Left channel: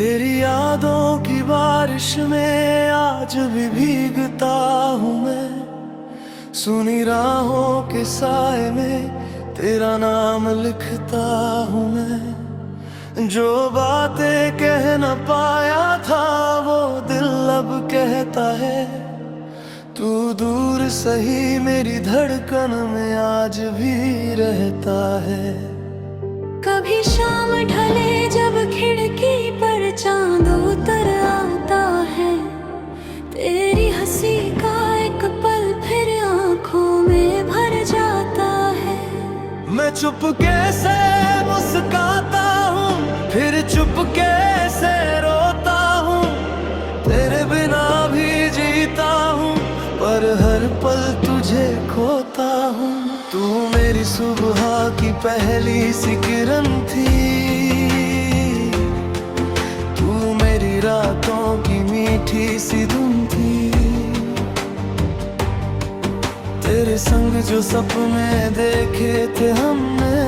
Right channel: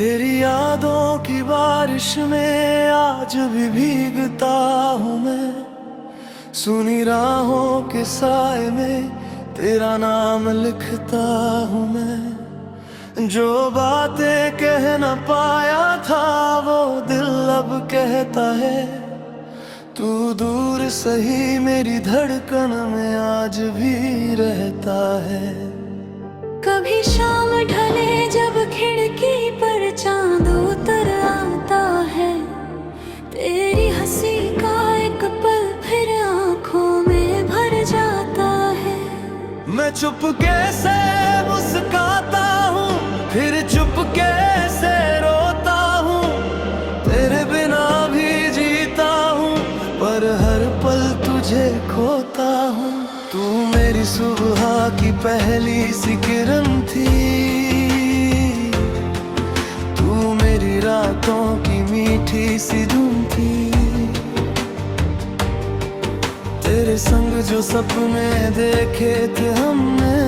तेरी यादों की बारिश में आज भी भीगता हूँ मैं। सुनी राहों के साए में तेरा नाम लिखता हूँ मैं। जो बातें कह न पाया था वो दिल अब कहता है। तू दूर सही मेरी धड़कन में आज भी रहता है। कभी शाम ढले जब खिड़की पर चांद उतर आता है, तेरी हंसी का एक पल फिर आंखों में भर जाता है। मैं चुपके से मुस्काता हूँ फिर चुपके से रोता हूँ। तेरे बिना भी जीता हूँ पर हर पल तुझे खोता हूँ। तू मेरी सुबह की पहली सी किरण थी। तू मेरी रातों की मीठी सी धुन थी। तेरे संग जो सपने देखे थे हमने,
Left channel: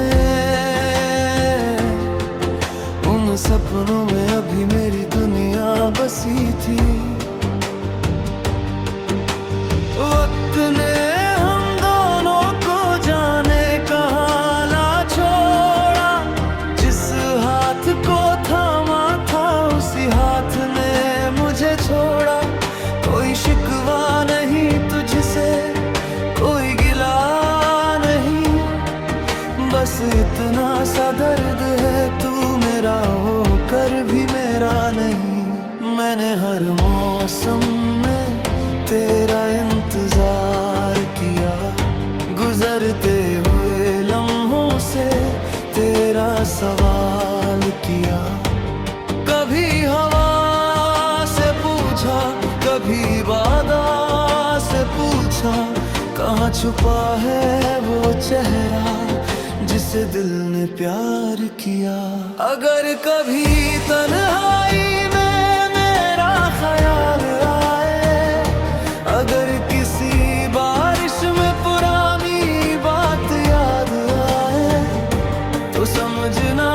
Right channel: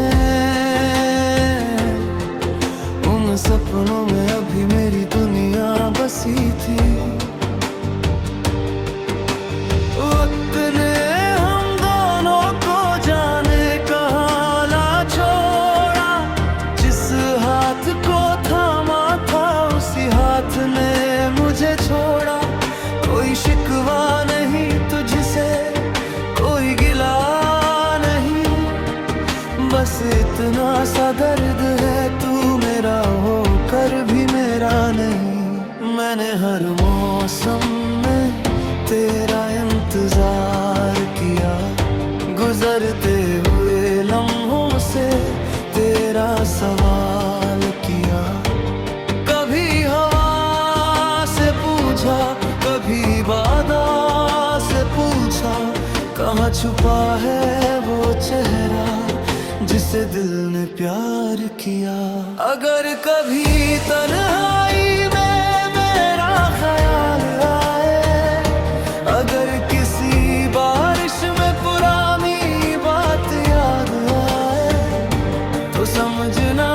उन सपनों में अभी मेरी दुनिया बसी थी। वक्त ने हम दोनों को जाने कहाँ ला छोड़ा। जिस हाथ को थामा था उसी हाथ ने मुझे छोड़ा। कोई शिकवा नहीं तुझसे, कोई गिला नहीं, बस इतना सा दर्द है तू मेरा होकर भी मेरा नहीं। मैंने हर मौसम में तेरा इंतजार किया, गुजरते हुए लम्हों से तेरा सवाल किया। कभी हवा से पूछा, कभी बादा से पूछा, कहाँ छुपा है वो चेहरा जिसे दिल ने प्यार किया। अगर कभी तन्हाई में मेरा ख्याल आए, अगर किसी बारिश में पुरानी बात याद आए, तो समझना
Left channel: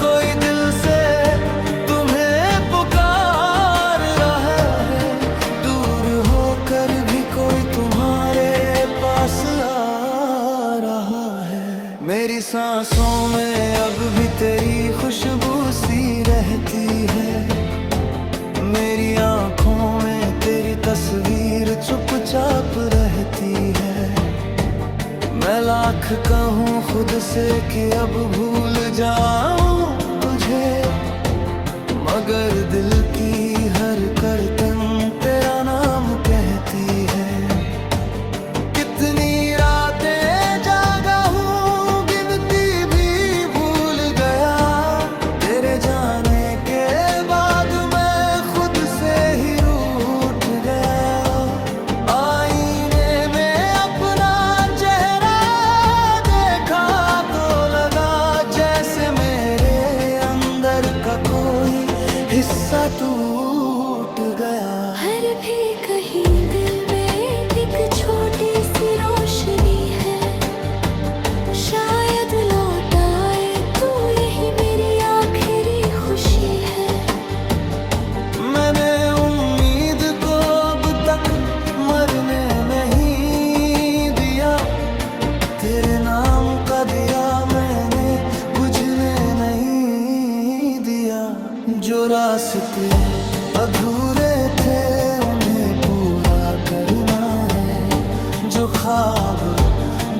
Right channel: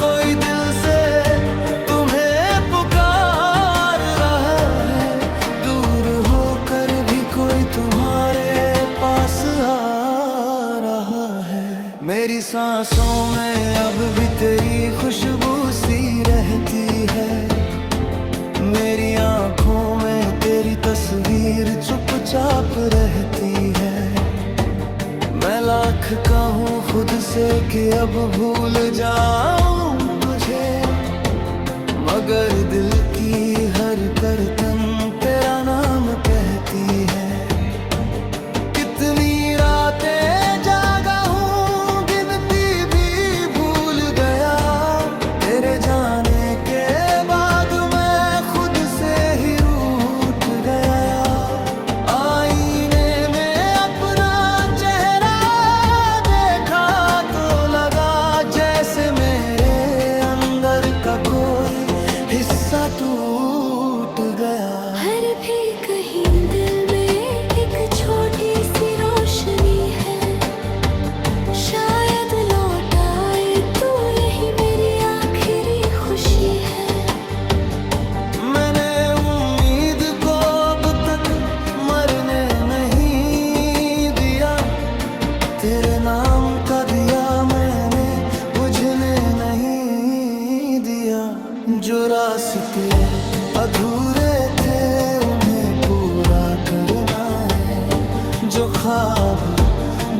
कोई दिल से तुम्हें पुकार रहा है। दूर होकर भी कोई तुम्हारे पास आ रहा है। मेरी सांसों में अब भी तेरी खुशबू सी रहती है। मेरी आँखों में तेरी तस्वीर चुपचाप रहती है। मैं लाख कहूँ खुद से कि अब भूल जाऊं तुझे, मगर दिल की हर करतन तेरा नाम कहती है। कितनी रातें जागा हूँ गिनती भी भूल गया। तेरे जाने के बाद मैं खुद से ही रूठ गया। आईने में अपना चेहरा देखा तो लगा जैसे मेरे अंदर का कोई हिस्सा टूट गया। हर भी कहीं दिल में एक छोटी सी रोशनी है, शायद लौट आए तू, यही मेरी आखिरी खुशी है। मैंने उम्मीद को अब तक मरने नहीं दिया। तेरे नाम का दिया मैंने बुझने नहीं दिया। जो रास्ते अधूरे थे उन्हें पूरा करना है। जो ख्वाब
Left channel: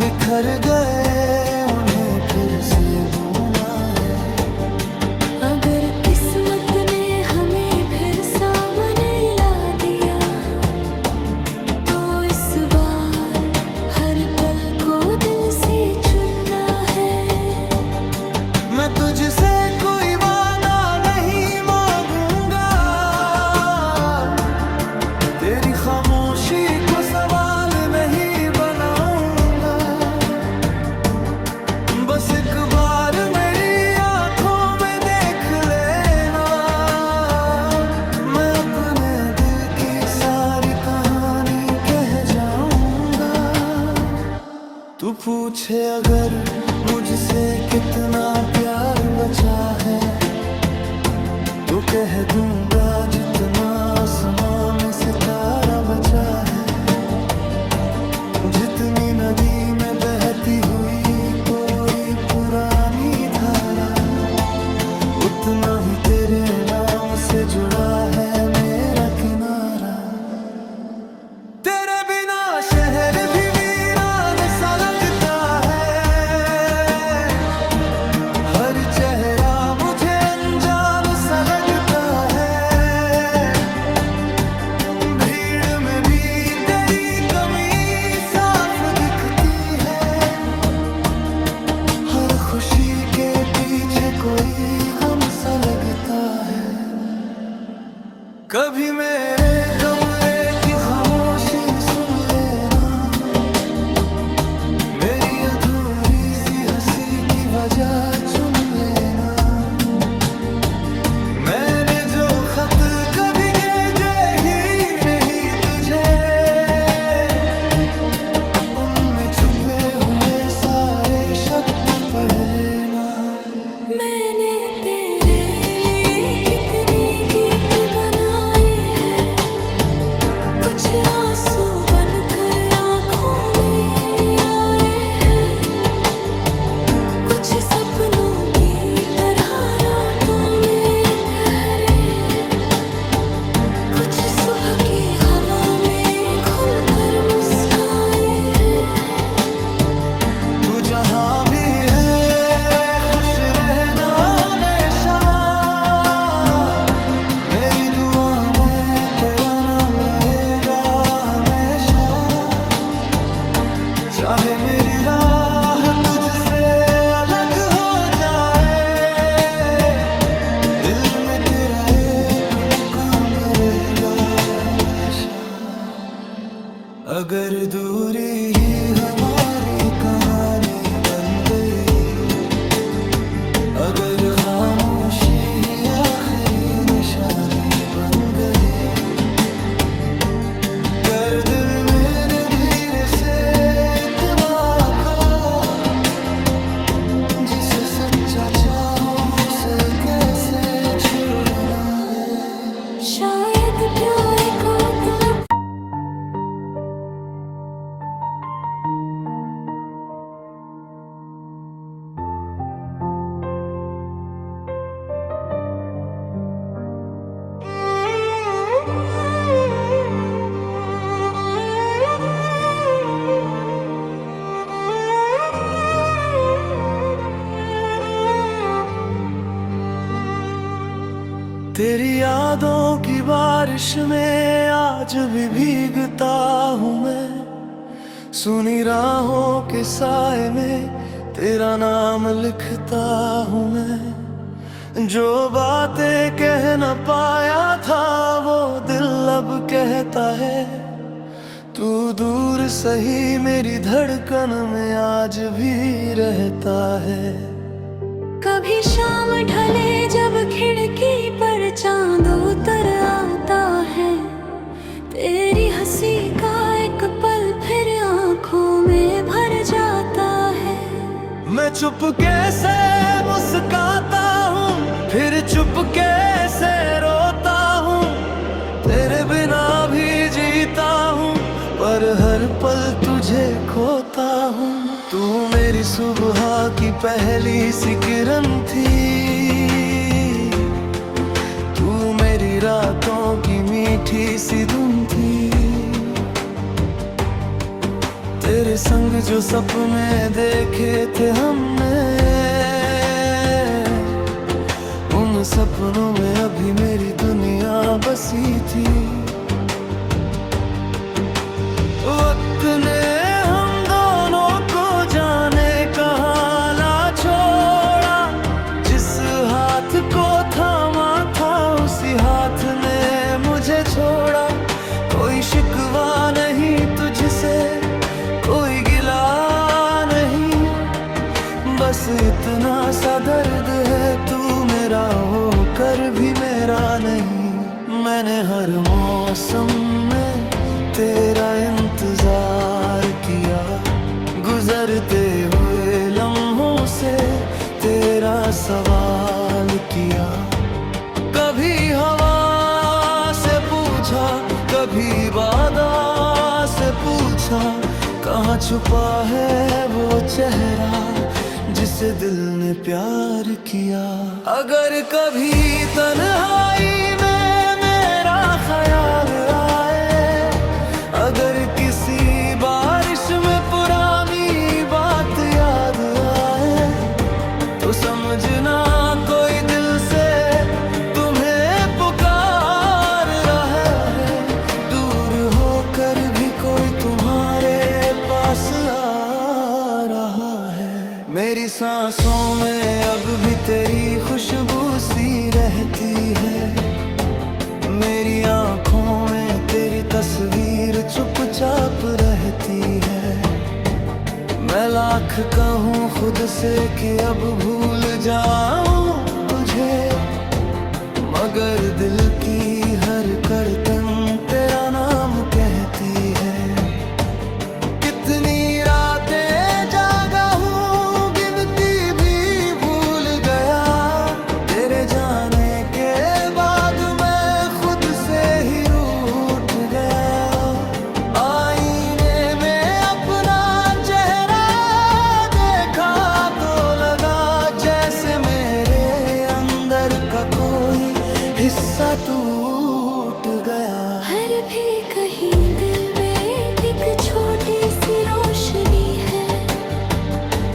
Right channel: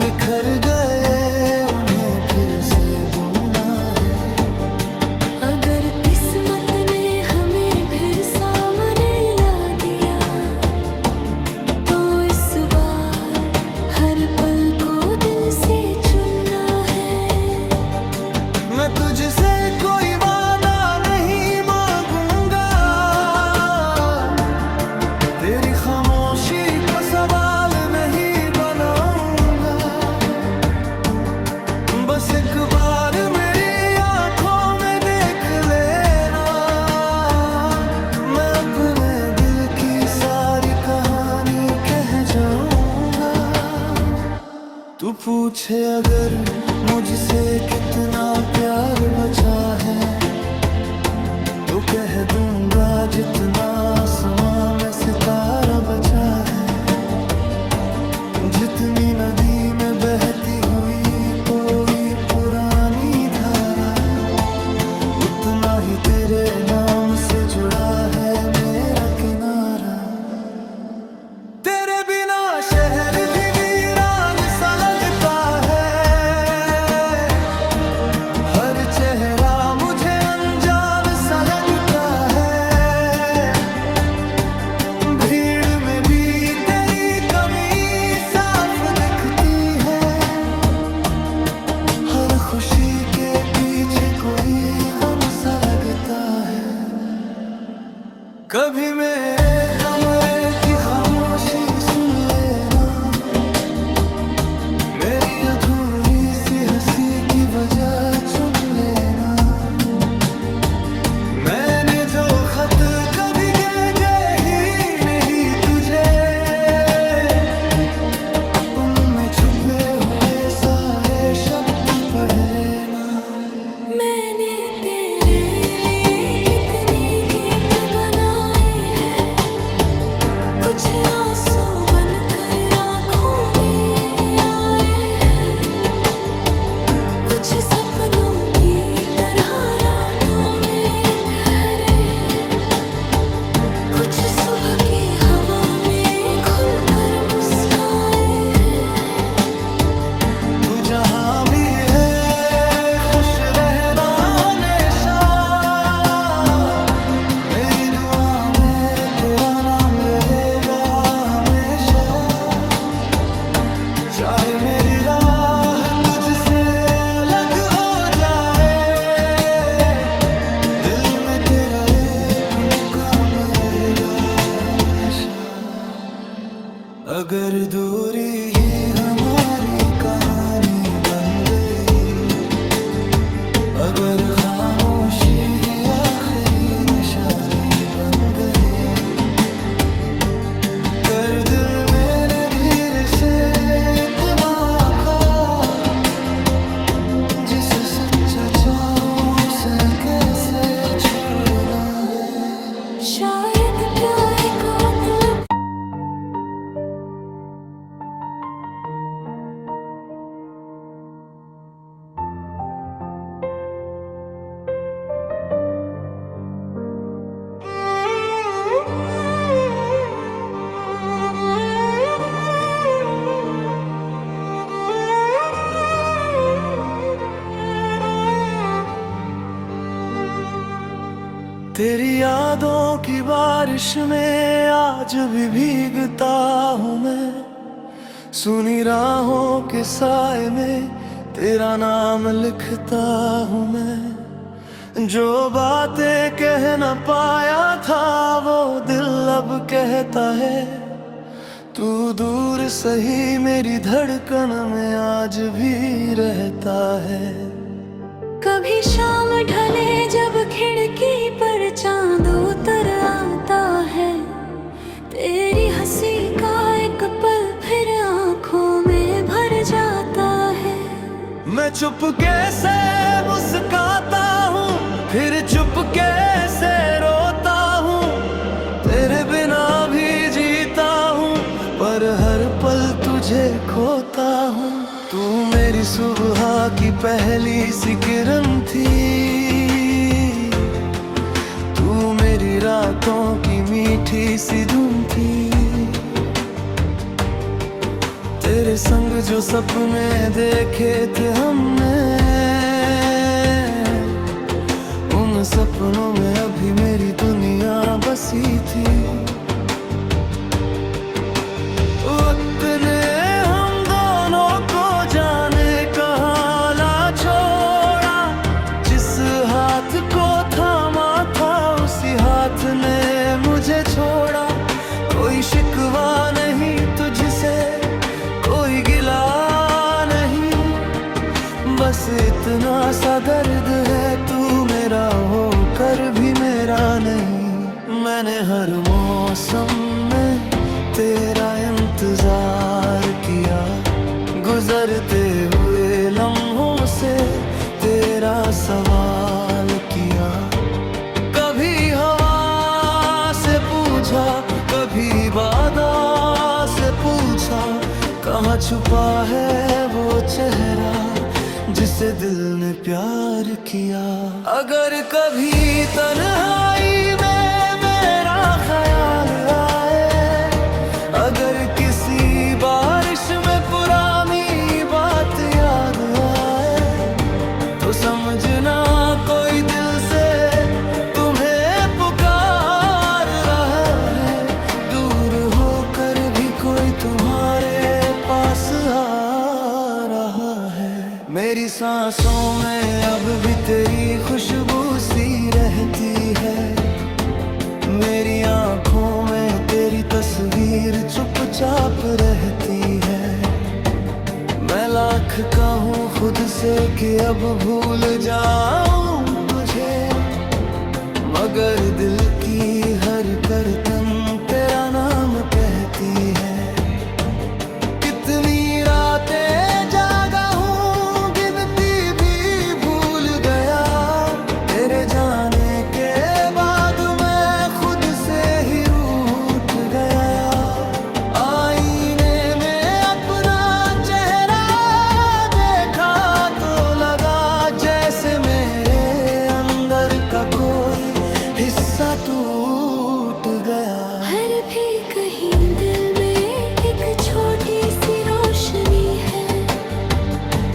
बिखर गए उन्हें फिर से बुनना है। अगर किस्मत ने हमें फिर सामने ला दिया, तो इस बार हर पल को दिल से चुनना है। मैं तुझसे कोई वादा नहीं मांगूंगा, तेरी खामोशी को सवाल नहीं बनाऊंगा। बस एक बार मेरी आंखों में देख लेना, मैं अपने दिल की सारी कहानी कह जाऊंगा। तू पूछे अगर मुझसे कितना प्यार बचा है, तो कह दूंगा जितना आसमां में सितारा बचा है, जितनी नदी में बहती हुई कोई पुरानी धारा, उतना ही तेरे नाम से जुड़ा है मेरा किनारा। तेरे बिना शहर भी वीरान सा लगता है, हर चेहरा मुझे अनजान सा लगता है। भीड़ में भी तेरी कमी साफ दिखती है, हर खुशी के पीछे कोई गम सा लगता है। कभी मेरे कमरे की खामोशी सुन लेना, मेरी अधूरी सी हंसी की वजह चुन लेना। मैंने जो खत कभी भेजे ही नहीं तुझे, उनमें छुपे हुए सारे शब्द पढ़ लेना। मैंने तेरे लिए कितने गीत बनाए हैं, कुछ आंसू बनकर आंखों में आए हैं, कुछ सपनों की तरह रातों में ठहरे, कुछ सुबह की हवा में खुलकर मुस्काए हैं। तू जहां भी है खुश रहना हमेशा, मेरी दुआ में तेरा नाम रहेगा हमेशा। चाहे मेरी राह तुझसे अलग हो जाए, दिल में तेरा एक मुकाम रहेगा हमेशा। अगर दूरी ही हमारी कहानी बन गई, अगर खामोशी ही आखिरी निशानी बन गई, कर दिल मैंने धीरे से इत्मीनान, जिसे सच्चा चाहूं उसे कैसे छोड़ना है। शायद प्यार का मतलब तेरी यादों की बारिश में आज भी भीगता हूँ मैं, सुनी राहों के साए में तेरा नाम लिखता हूँ मैं। जो बातें कह न पाया था वो दिल अब कहता है, तू दूर सही मेरी धड़कन में आज भी रहता है। कभी शाम ढले जब खिड़की पर चांद उतर आता है, तेरी हंसी का एक पल फिर आंखों में भर जाता है। मैं चुपके से मुस्काता हूँ, फिर चुपके से रोता हूँ, तेरे बिना भी जीता हूँ, पर हर पल तुझे खोता हूँ। तू मेरी सुबह की पहली सी किरण थी, तू मेरी रातों की मीठी सी धुन थी। तेरे संग जो सपने देखे थे हमने, उन सपनों में अभी मेरी दुनिया बसी थी। वक्त ने हम दोनों को जाने कहाँ ला छोड़ा, जिस हाथ को थामा था उसी हाथ ने मुझे छोड़ा। कोई शिकवा नहीं तुझसे, कोई गिला नहीं, बस इतना सा दर्द है तू मेरा होकर भी मेरा नहीं। मैंने हर मौसम में तेरा इंतजार किया, गुजरते हुए लम्हों से तेरा सवाल किया। कभी बुझा, कभी वादा से पूछा, कहाँ छुपा है वो चेहरा जिसे दिल ने प्यार किया। अगर कभी तन्हाई में मेरा ख्याल आए, अगर किसी बारिश में पुरानी बात याद आए, तो समझना कोई दिल से तुम्हें पुकार रहा है। दूर होकर भी कोई तुम्हारे पास आ रहा है। मेरी सांसों में अब भी तेरी खुशबू सी रहती है, मेरी आँखों में तेरी तस्वीर चुपचाप रहती है। मैं लाख कहूँ खुद से कि अब भूल जाऊं तुझे, मगर दिल की हर करतन तेरा नाम कहती है। कितनी रातें जागा हूँ गिनती भी भूल गया, तेरे जाने के बाद मैं खुद से ही रूठ गया। आईने में अपना चेहरा देखा तो लगा जैसे मेरे अंदर का कोई हिस्सा टूट गया। हर भी कहीं दिल में एक छोटी सी रोशनी है,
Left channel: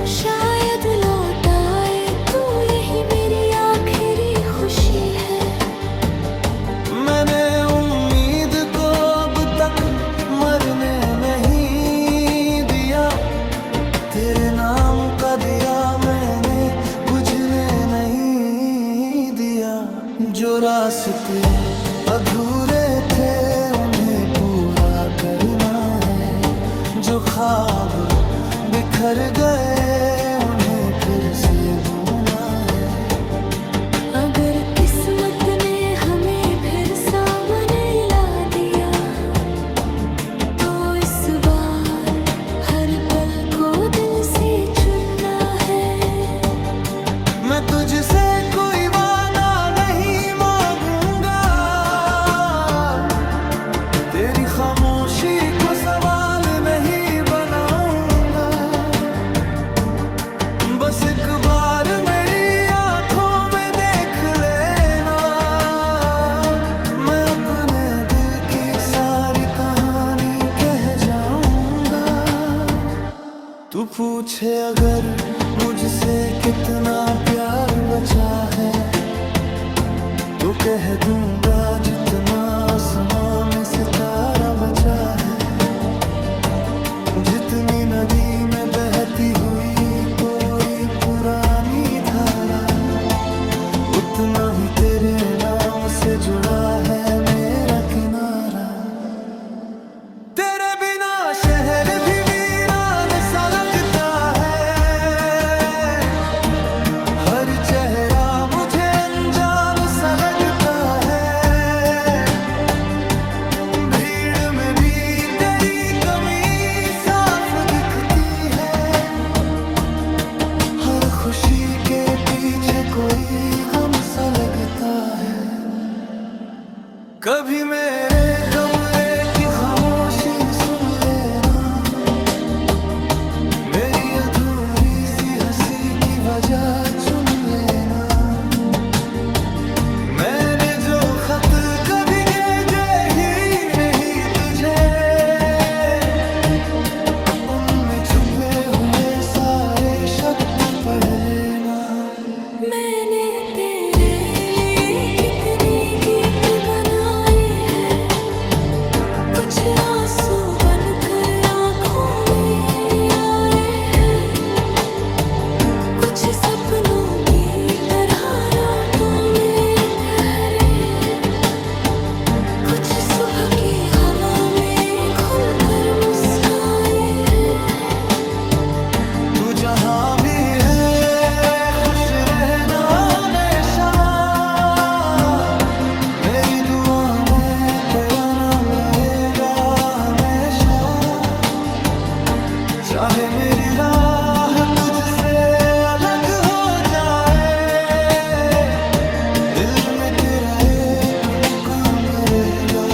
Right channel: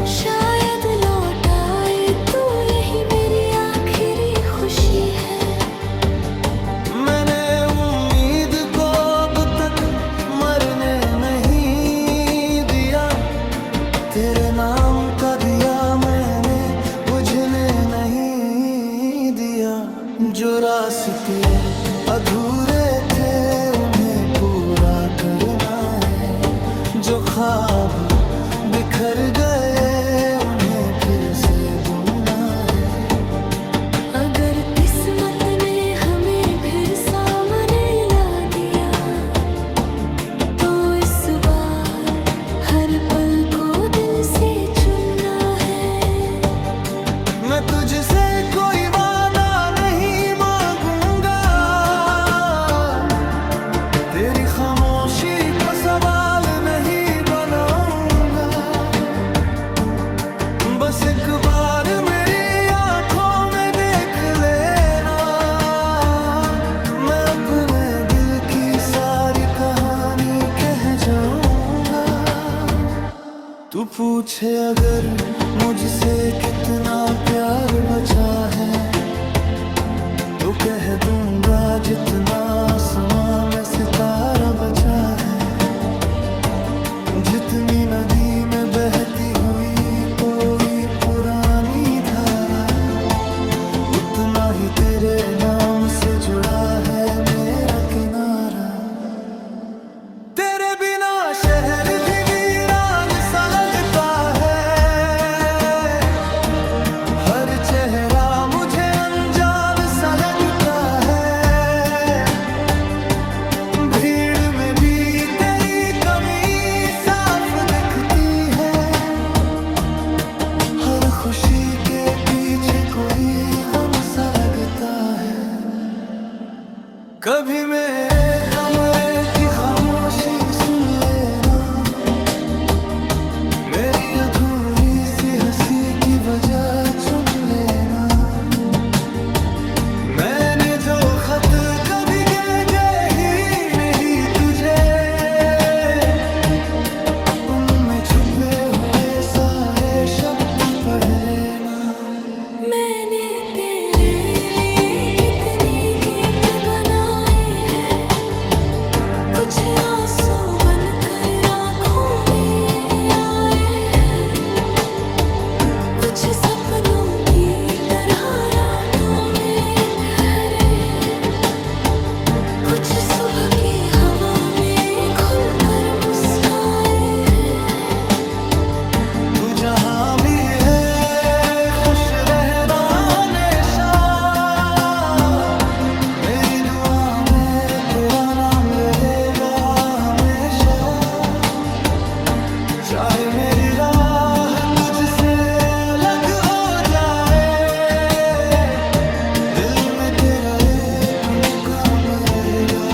शायद लौट आए तू, यही मेरी आखिरी खुशी है। मैंने उम्मीद को अब तक मरने नहीं दिया, तेरे नाम का दिया मैंने बुझने नहीं दिया। जो रास्ते अधूरे थे उन्हें पूरा करना है, जो ख्वाब बिखर गए उन्हें फिर से बुनना है। अगर किस्मत ने हमें फिर सामने ला दिया, तो इस बार हर पल को दिल से चुनना है। मैं तुझसे कोई वादा नहीं मांगूंगा, तेरी खामोशी को सवाल नहीं बनाऊंगा। बस एक बार मेरी आंखों में देख लेना, मैं अपने दिल की सारी कहानी कह जाऊंगा। तू पूछे अगर मुझसे कितना प्यार बचा है, तो कह दूंगा जितना आसमां में सितारा बचा है। जितनी नदी में बहती हुई कोई पुरानी धारा, उतना ही तेरे नाम से जुड़ा है मेरा किनारा। तेरे बिना शहर भी वीरान सा लगता है, हर चेहरा मुझे अनजान सा लगता है। भीड़ में भी तेरी कमी साफ दिखती है, हर खुशी के पीछे कोई गम सा लगता है। कभी मेरे कमरे की खामोशी सुन लेना, मेरी अधूरी सी हंसी की वजह चुन लेना। मैंने जो खत कभी भेजे ही नहीं तुझे, उनमें छुपे हुए सारे शब्द पढ़ लेना। मैंने तेरे लिए कितने गीत बनाए हैं, कुछ आंसू बनकर आंखों में आए हैं, कुछ सपनों की तरह रातों में ठहरे, कुछ सुबह की हवा में खुलकर मुस्काए हैं। तू जहां भी है खुश रहना हमेशा, मेरी दुआ में तेरा नाम रहेगा हमेशा। चाहे मेरी राह तुझसे अलग हो जाए, दिल में तेरा एक मुकाम रहेगा।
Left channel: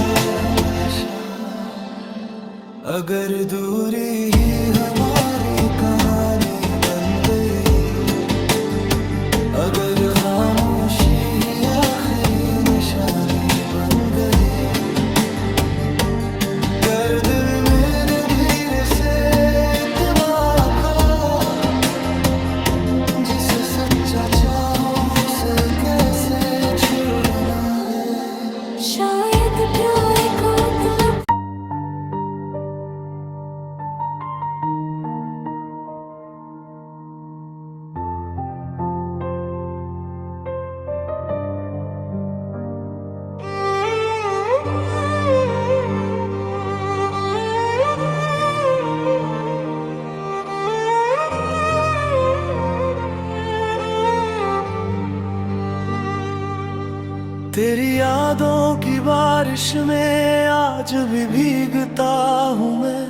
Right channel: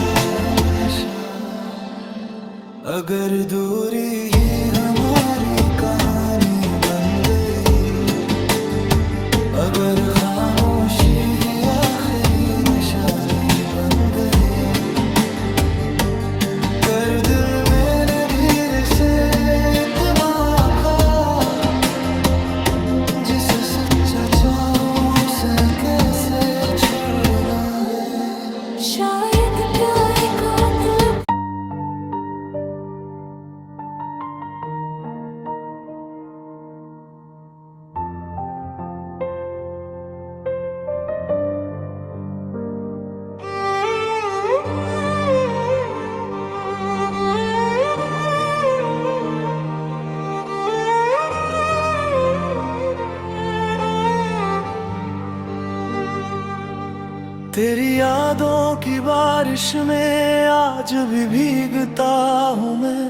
अगर दूरी ही हमारी कहानी बन गई, अगर खामोशी ही आखिरी निशानी बन गई, कर दिल मैंने धीरे से इत्मीनान का, जिसे सच्चा चाहो उसे कैसे छोड़ना है। शायद प्यार का मतलब तेरी यादों की बारिश में आज भी भीगता हूँ मैं,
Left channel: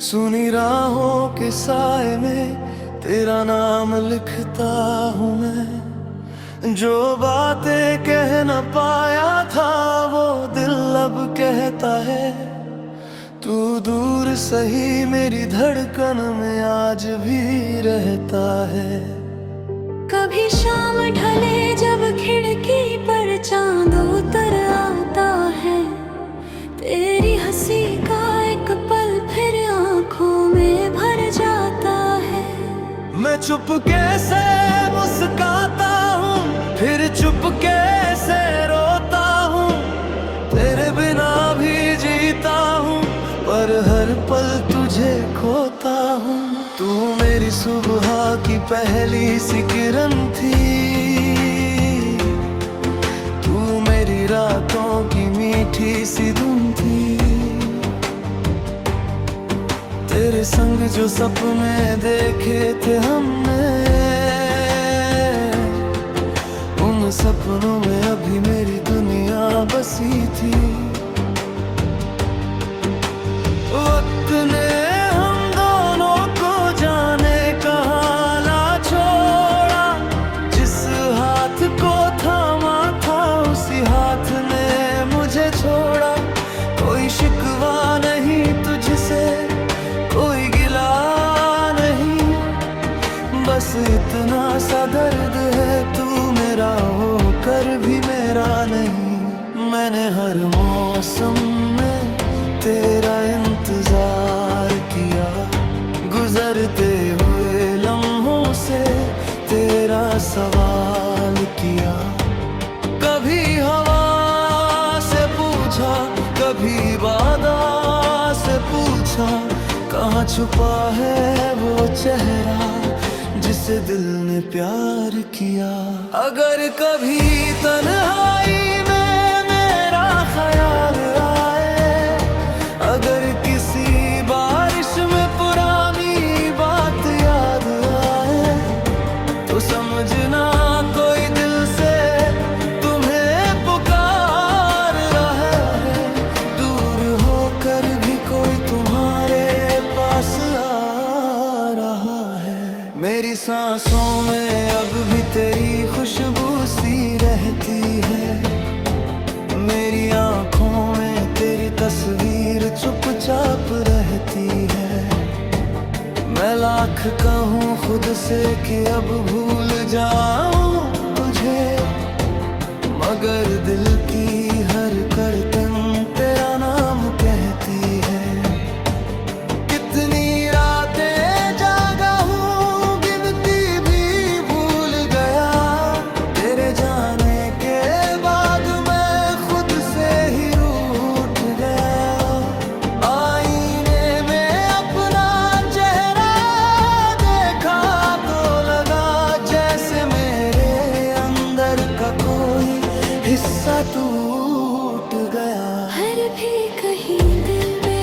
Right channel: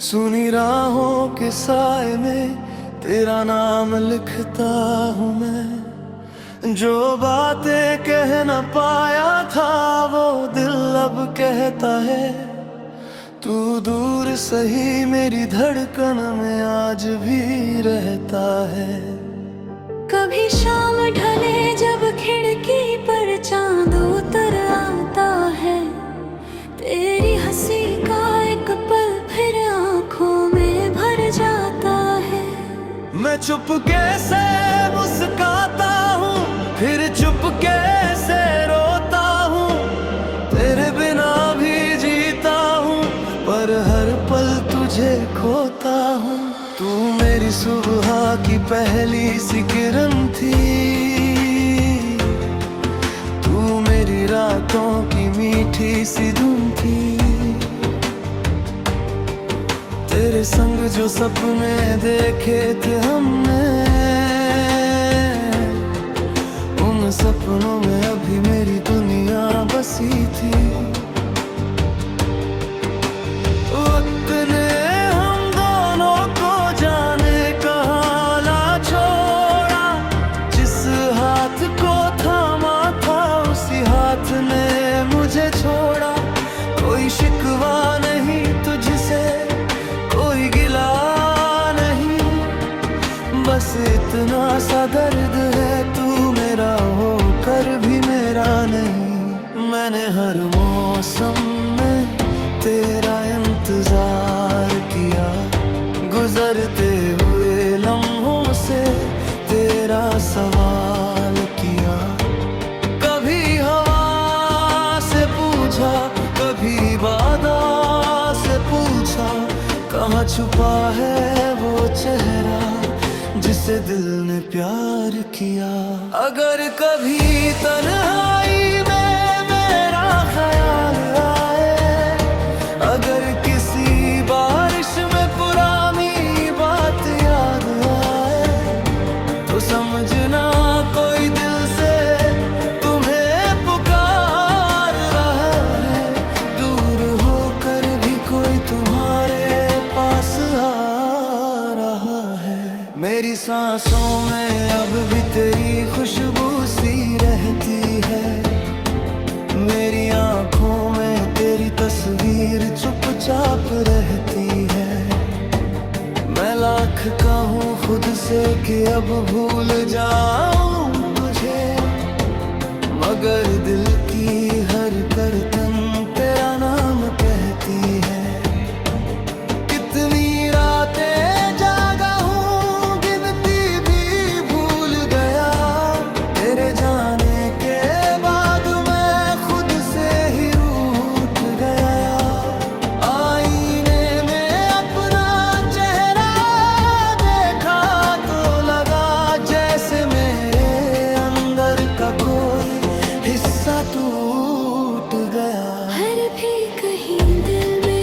सुनी राहों के साए में तेरा नाम लिखता हूँ मैं। जो बातें कह न पाया था वो दिल अब कहता है, तू दूर सही मेरी धड़कन में आज भी रहता है। कभी शाम ढले जब खिड़की पर चांद उतर आता है, तेरी हंसी का एक पल फिर आंखों में भर जाता है। मैं चुपके से मुस्काता हूँ, फिर चुपके से रोता हूँ, तेरे बिना भी जीता हूँ, पर हर पल तुझे खोता हूँ। तू मेरी सुबह की पहली सी किरण थी, तू मेरी रातों की मीठी सी धुन थी। तेरे संग जो सपने देखे थे हमने, उन सपनों में अभी मेरी दुनिया बसी थी। वक्त ने हम दोनों को जाने कहाँ ला छोड़ा, जिस हाथ को थामा था उसी हाथ ने मुझे छोड़ा। कोई शिकवा नहीं तुझसे, कोई गिला नहीं, बस इतना सा दर्द है तू मेरा होकर भी मेरा नहीं। मैंने हर मौसम में तेरा इंतजार किया, गुजरते हुए लम्हों से तेरा सवाल किया। कभी हवा से पूछा, कभी बादा से पूछा, कहाँ छुपा है वो चेहरा जिसे दिल ने प्यार किया। अगर कभी तन्हाई में मेरा ख्याल आए, अगर किसी बारिश में पुरानी बात याद आए, तो समझना कोई दिल से तुम्हें पुकार रहा है। दूर होकर भी कोई तुम्हारे पास आ रहा है। मेरी सांसों में अब भी तेरी खुशबू सी रहती है, मेरी आँखों में तेरी तस्वीर चुपचाप रहती है। मैं लाख कहूँ खुद से कि अब भूल जाऊं तुझे, मगर दिल की हर करतन तेरा नाम कहती है। कितनी रातें जागा हूँ गिनती भी भूल गया, तेरे जाने के बाद मैं खुद से ही रूठ गया। आईने में अपना चेहरा देखा तो लगा जैसे मेरे अंदर का कोई हिस्सा टूट गया। हर भी कहीं दिल में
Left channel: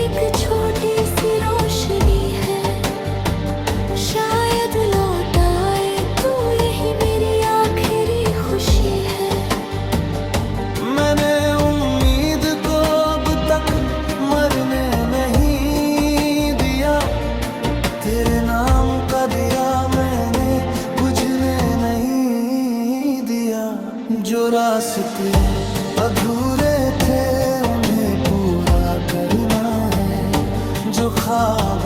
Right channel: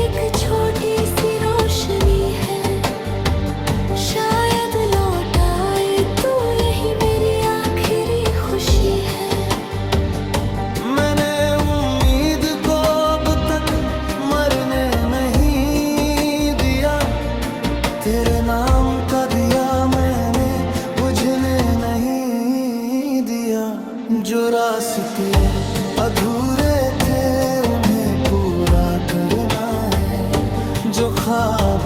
एक छोटी सी रोशनी है, शायद लौट आए तू, यही मेरी आखिरी खुशी है। मैंने उम्मीद को अब तक मरने नहीं दिया, तेरे नाम का दिया मैंने बुझने नहीं दिया। जो रास्ते अधूरे थे उन्हें पूरा करना है, जो ख्वाब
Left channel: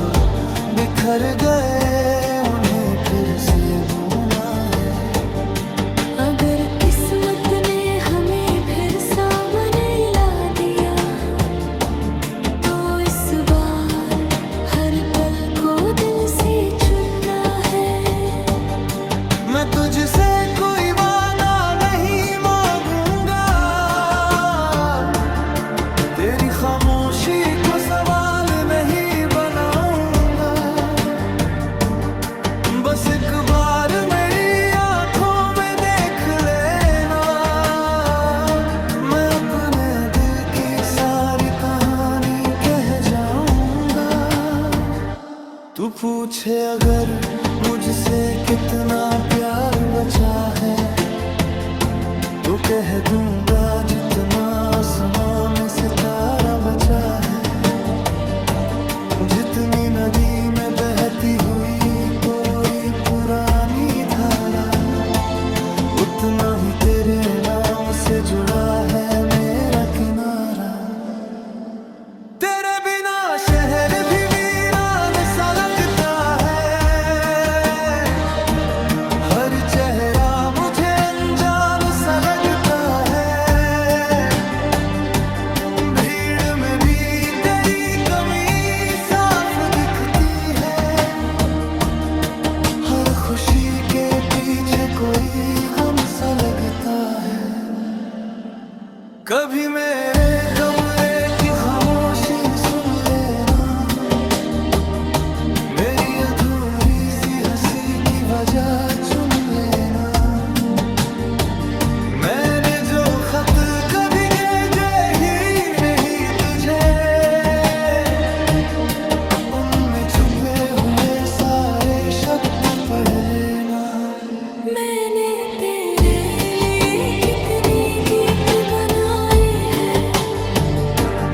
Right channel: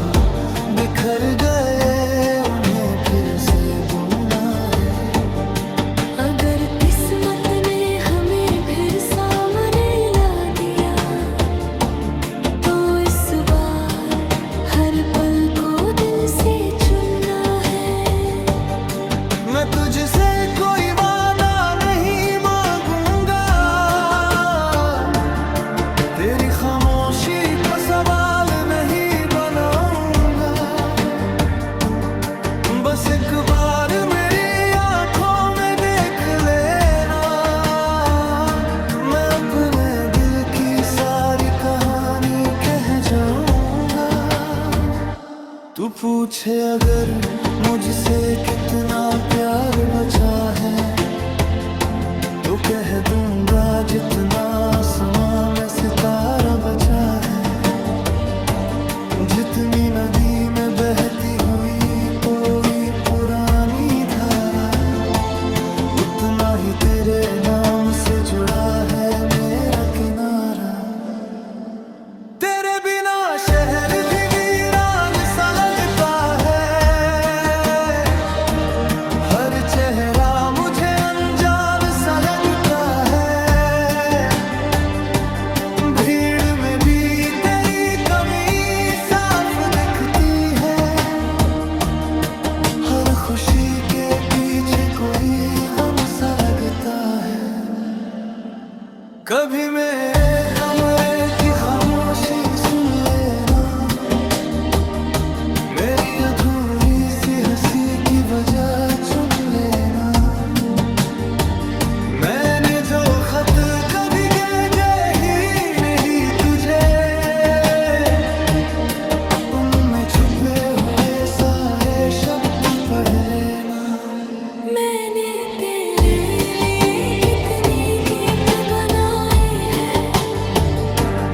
बिखर गए उन्हें फिर से बुनना है। अगर किस्मत ने हमें फिर सामने ला दिया तो इस बार हर पल को दिल से चुनना है। मैं तुझसे कोई वादा नहीं मांगूंगा, तेरी खामोशी को सवाल नहीं बनाऊंगा। बस एक बार मेरी आंखों में देख लेना, मैं अपने दिल की सारी कहानी कह जाऊंगा। तू पूछे अगर मुझसे कितना प्यार बचा है तो कह दूंगा जितना आसमां में सितारा बचा है। जितनी नदी में बहती हुई कोई पुरानी धारा, उतना ही तेरे नाम से जुड़ा है मेरा किनारा। तेरे बिना शहर भी वीरान सा लगता है, हर चेहरा मुझे अनजान सा लगता है। भीड़ में भी तेरी कमी साफ दिखती है, हर खुशी के पीछे कोई गम सा लगता है। कभी मेरे कमरे की खामोशी सुन लेना, मेरी अधूरी सी हंसी की वजह चुन लेना। मैंने जो खत कभी भेजे ही नहीं तुझे, उनमें छुपे हुए सारे शब्द पढ़ लेना। मैंने तेरे लिए कितने गीत बनाए हैं,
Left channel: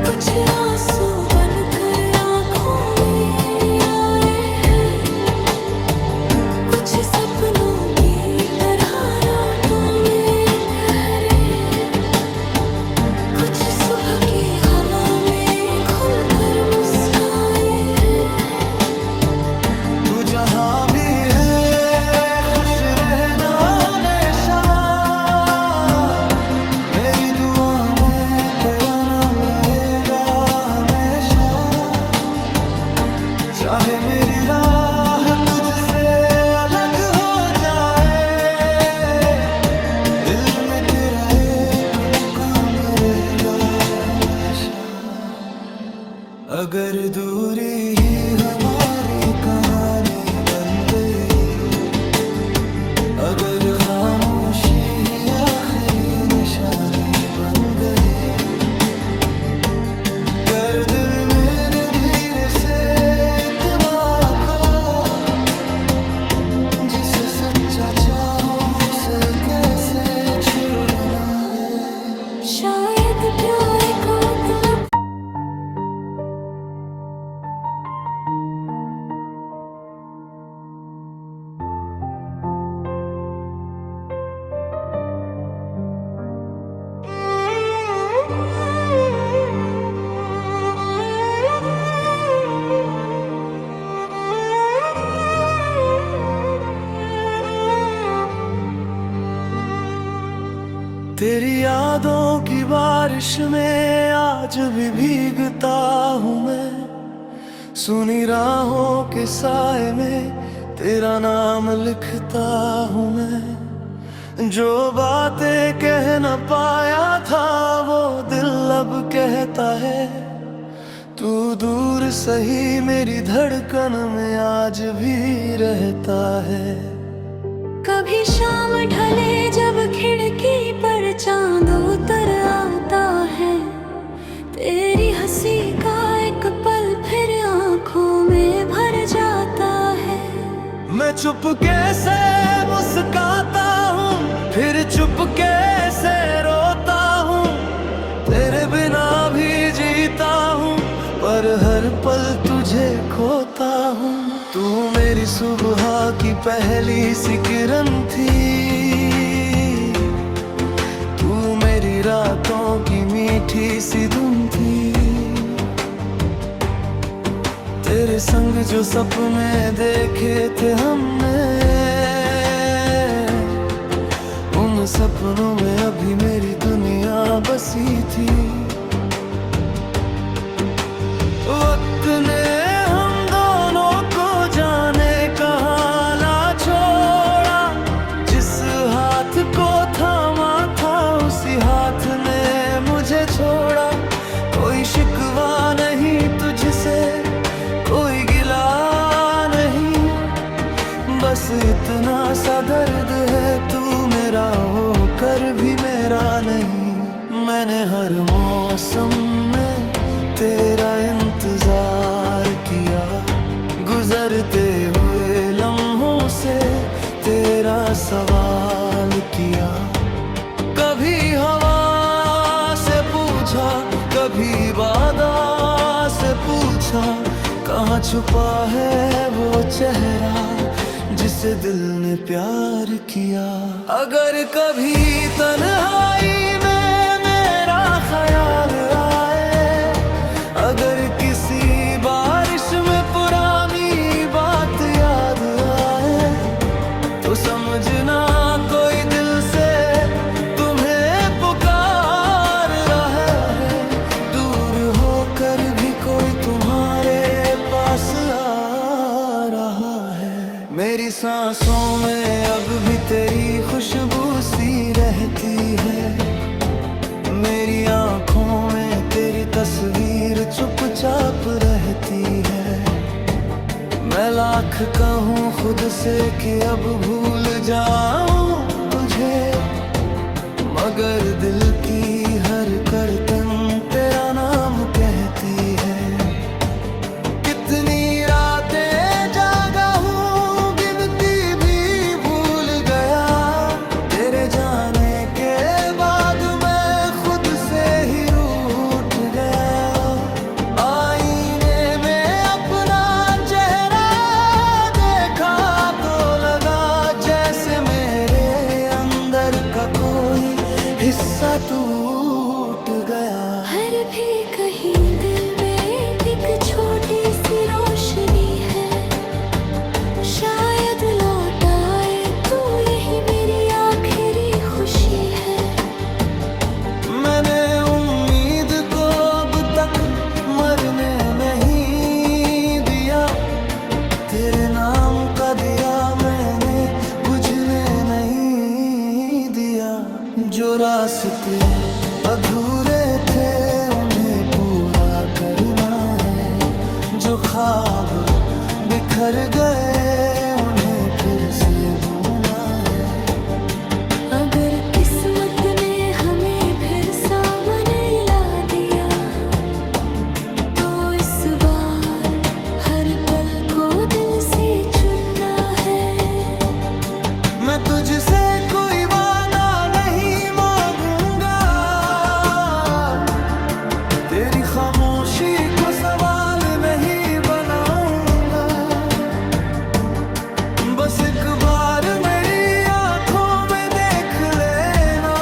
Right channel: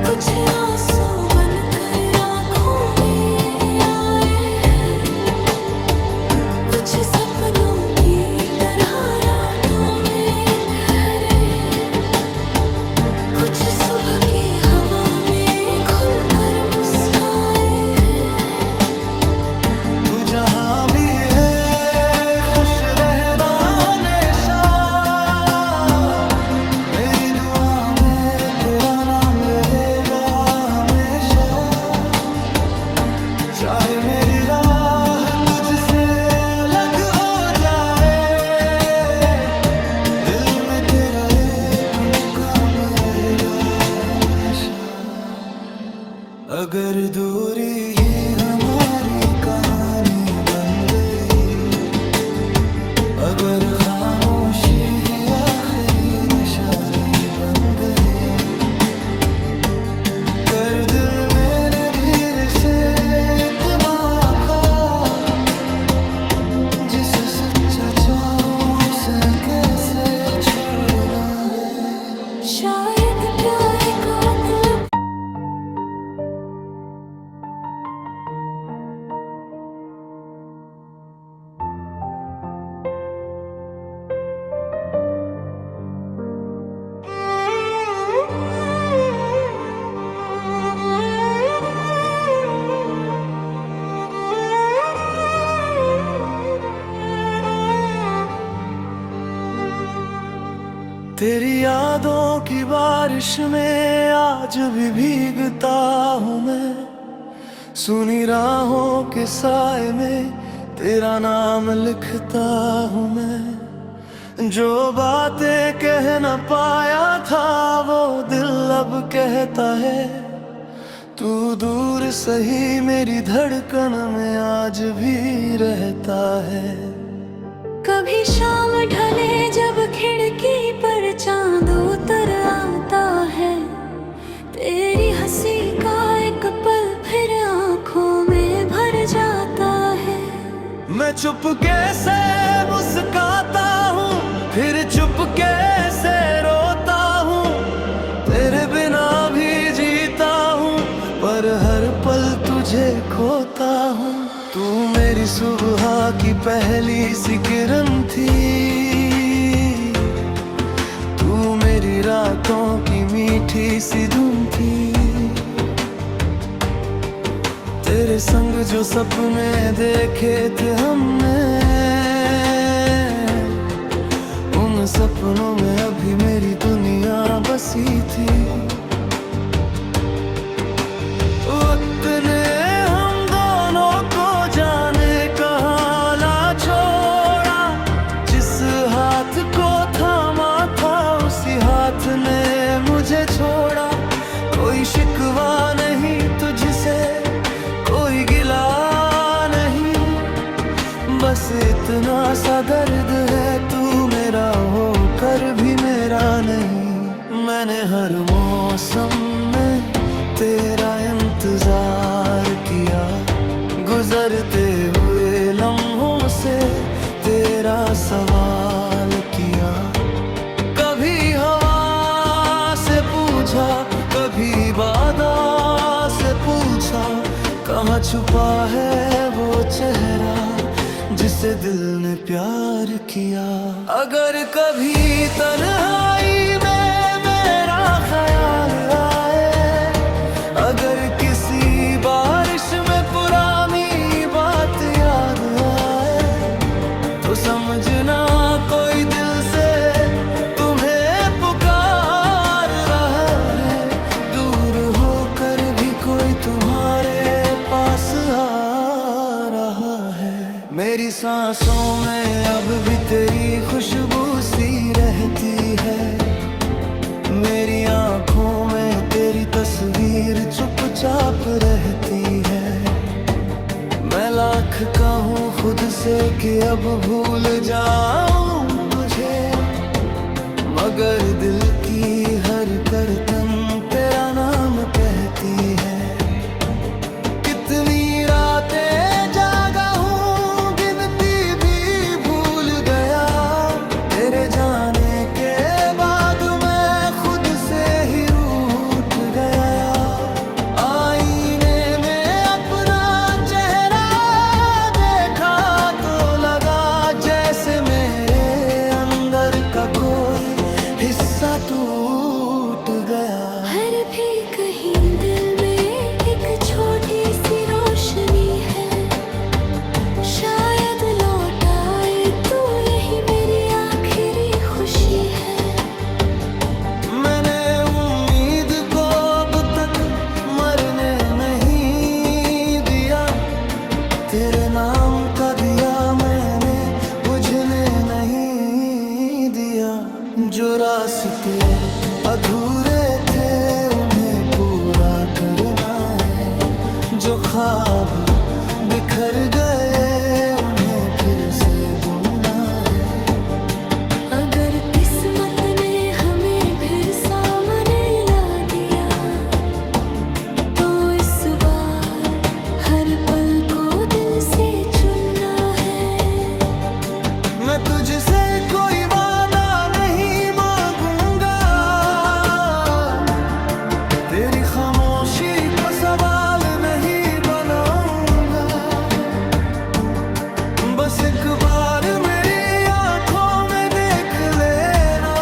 कुछ आंसू बनकर आंखों में आए हैं, कुछ सपनों की तरह रातों में ठहरे, कुछ सुबह की हवा में खुलकर मुस्काए हैं। तू जहां भी है खुश रहना हमेशा, मेरी दुआ में तेरा नाम रहेगा हमेशा। चाहे मेरी राह तुझसे अलग हो जाए, दिल में तेरा एक मुकाम रहेगा हमेशा। अगर दूरी ही हमारी कहानी बन गई, अगर खामोशी ही आखिरी निशानी बन गई, कर दिल मैंने धीरे से इत्मीनान का, जिसे सच्चा चाहूं उसे कैसे छोड़ना है। शायद प्यार का मतलब तेरी यादों की बारिश में आज भी भीगता हूँ मैं, सुनी राहों के साए में तेरा नाम लिखता हूँ मैं। जो बातें कह न पाया था वो दिल अब कहता है, तू दूर सही मेरी धड़कन में आज भी रहता है। कभी शाम ढले जब खिड़की पर चांद उतर आता है, तेरी हंसी का एक पल फिर आंखों में भर जाता है। मैं चुपके से मुस्काता हूँ फिर चुपके से रोता हूँ, तेरे बिना भी जीता हूँ पर हर पल तुझे खोता हूँ। तू मेरी सुबह की पहली सी किरण थी, तू मेरी रातों की मीठी सी धुन थी। तेरे संग जो सपने देखे थे हमने, उन सपनों में अभी मेरी दुनिया बसी थी। वक्त ने हम दोनों को जाने कहाँ ला छोड़ा, जिस हाथ को थामा था उसी हाथ ने मुझे छोड़ा। कोई शिकवा नहीं तुझसे, कोई गिला नहीं, बस इतना सा दर्द है तू मेरा होकर भी मेरा नहीं। मैंने हर मौसम में तेरा इंतजार किया, गुजरते हुए लम्हों से तेरा सवाल किया। कभी हवा से पूछा, कभी बादा से पूछा, कहाँ छुपा है वो चेहरा जिसे दिल ने प्यार किया। अगर कभी तन्हाई में मेरा ख्याल आए, अगर किसी बारिश में पुरानी बात याद आए, तो समझना कोई दिल से तुम्हें पुकार रहा है। दूर होकर भी कोई तुम्हारे पास आ रहा है। मेरी सांसों में अब भी तेरी खुशबू सी रहती है, मेरी आँखों में तेरी तस्वीर चुपचाप रहती है। मैं लाख कहूँ खुद से कि अब भूल जाऊं तुझे, मगर दिल की हर करतन तेरा नाम कहती है। कितनी रातें जागा हूँ गिनती भी भूल गया, तेरे जाने के बाद मैं खुद से ही रूठ गया। आईने में अपना चेहरा देखा तो लगा जैसे मेरे अंदर का कोई हिस्सा टूट गया। हर भी कहीं दिल में एक छोटी सी रोशनी है, शायद लौट आए तू, यही मेरी आखिरी खुशी है। मैंने उम्मीद को अब तक मरने नहीं दिया, तेरे नाम का दिया मैंने बुझने नहीं दिया। जो रास्ते अधूरे थे उन्हें पूरा करना है, जो ख्वाब बिखर गए उन्हें फिर से बुनना है। अगर किस्मत ने हमें फिर सामने ला दिया, तो इस बार हर पल को दिल से चुनना है। मैं तुझसे कोई वादा नहीं मांगूंगा, तेरी खामोशी को सवाल नहीं बनाऊंगा। बस एक बार मेरी आंखों में देख लेना,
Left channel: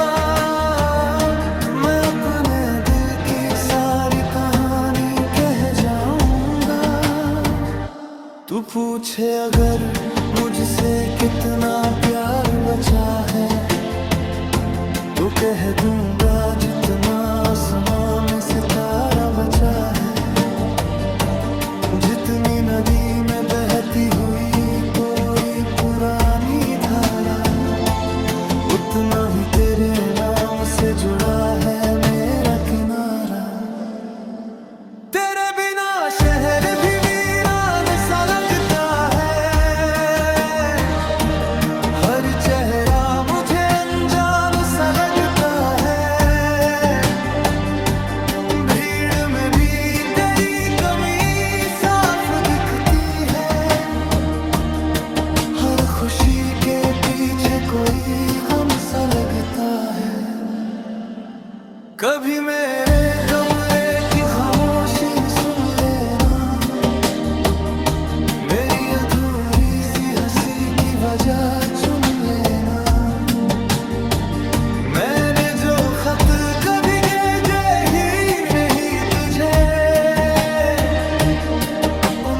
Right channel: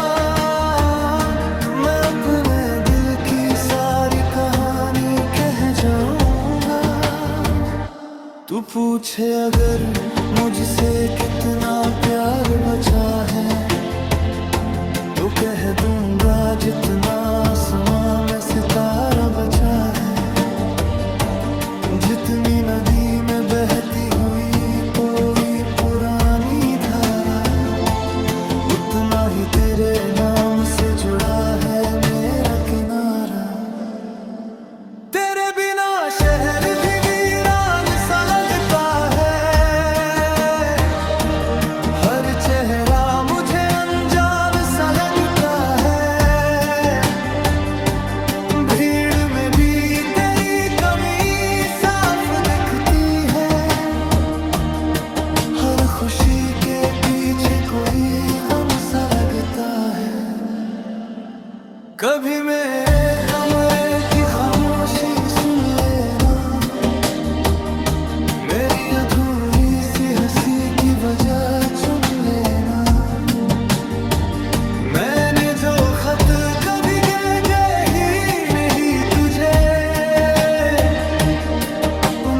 मैं अपने दिल की सारी कहानी कह जाऊंगा। तू पूछे अगर मुझसे कितना प्यार बचा है, तो कह दूंगा जितना आसमां में सितारा बचा है। जितनी नदी में बहती हुई कोई पुरानी धारा, उतना ही तेरे नाम से जुड़ा है मेरा किनारा। तेरे बिना शहर भी वीरान सा लगता है, हर चेहरा मुझे अनजान सा लगता है। भीड़ में भी तेरी कमी साफ दिखती है, हर खुशी के पीछे कोई गम सा लगता है। कभी मेरे कमरे की खामोशी सुन लेना, मेरी अधूरी सी हंसी की वजह चुन लेना। मैंने जो खत कभी भेजे ही नहीं तुझे, उन